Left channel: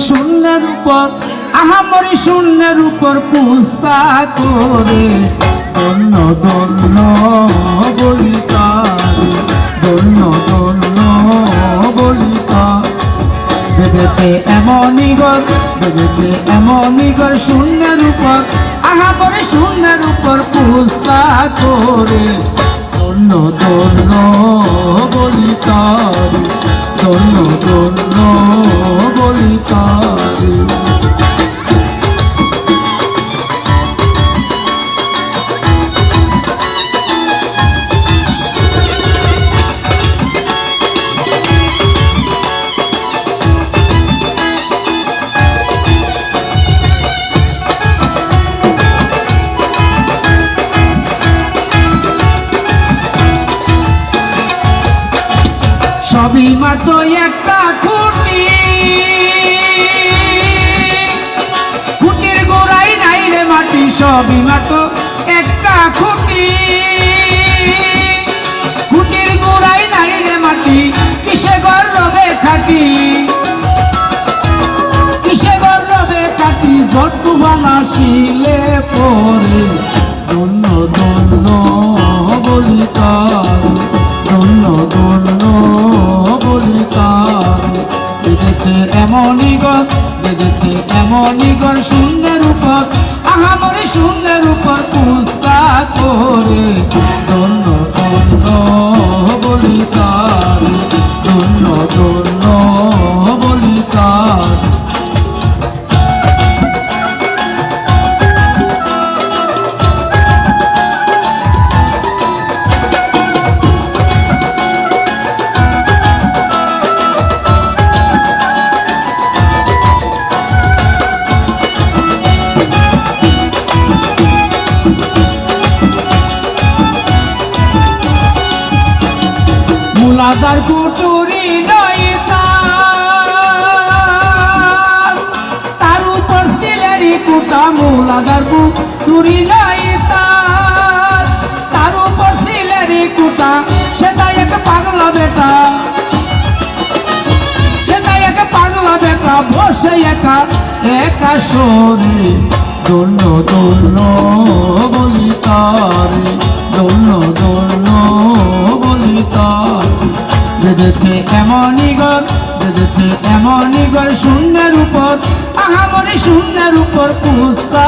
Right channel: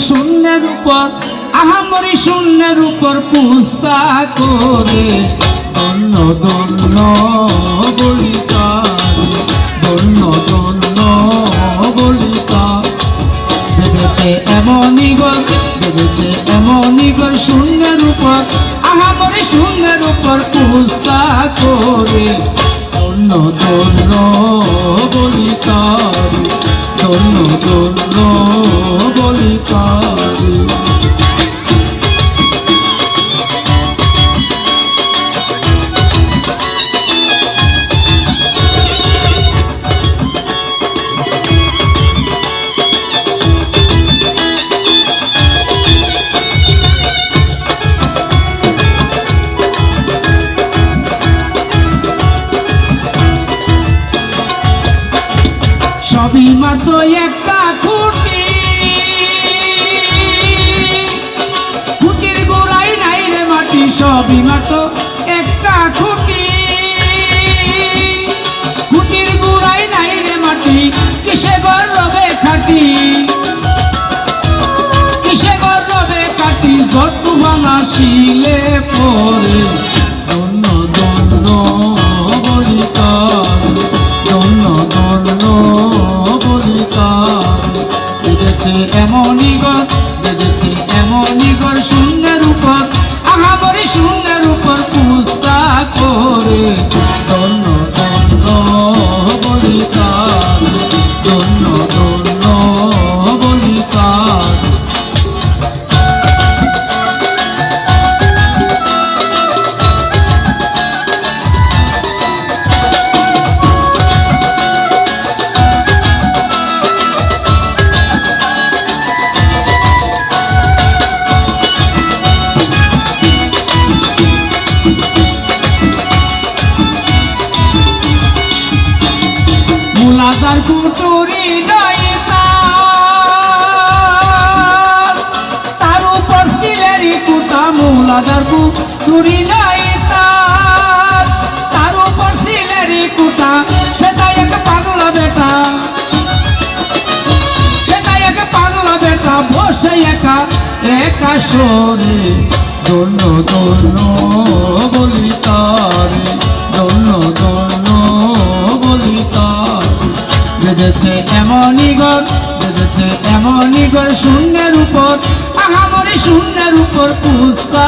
শূন্যের উপর আহামরি শূন্যের উপর পুস্তা করে ধন্য ধন্য বলিতা ধন্য ধন্য বলিতা ভেবেছে এমনই ঘর ভেবেছে এমনই ঘর শূন্যের উপর আহামরি শূন্যের উপর পুস্তা করে ধন্য ধন্য বলিতা ধন্য ধন্য বলিতা সবই মাত্র একটা খুঁটি খুঁটির গোড়াই নাই রে মাটি সবই মাত্র একটা খুঁটি খুঁটির গোড়াই নাই রে মাটি কিসে গর্বে খাটি কিসে গর্বে খাটি যত ভাঙা শিলে পড়ে ধন্য ধন্য বলিতা ধন্য ধন্য এমনই ঘর বেঁধেছে এমনই ঘর শূন্যের উপর আহামরি শূন্যের উপর পুস্তা করে ধন্য ধন্য বলিতা ধন্য ধন্য বলিতা মুলাদার কুটুরি নাই তার উপর সিলেরি কুটা মুলাদার কুটুরি নাই তার উপর সিলেরি কুটা সেটা এক পাগলা বেটা সেটা এক পাগলা বেটা বসে একা একা শোনে ধন্য ধন্য বলিতার ধন্য ধন্য বলিতার বেঁধেছে এমনই ঘর বেঁধেছে এমনই ঘর শূন্যের উপর আহামরি শূন্যের উপর পুস্তা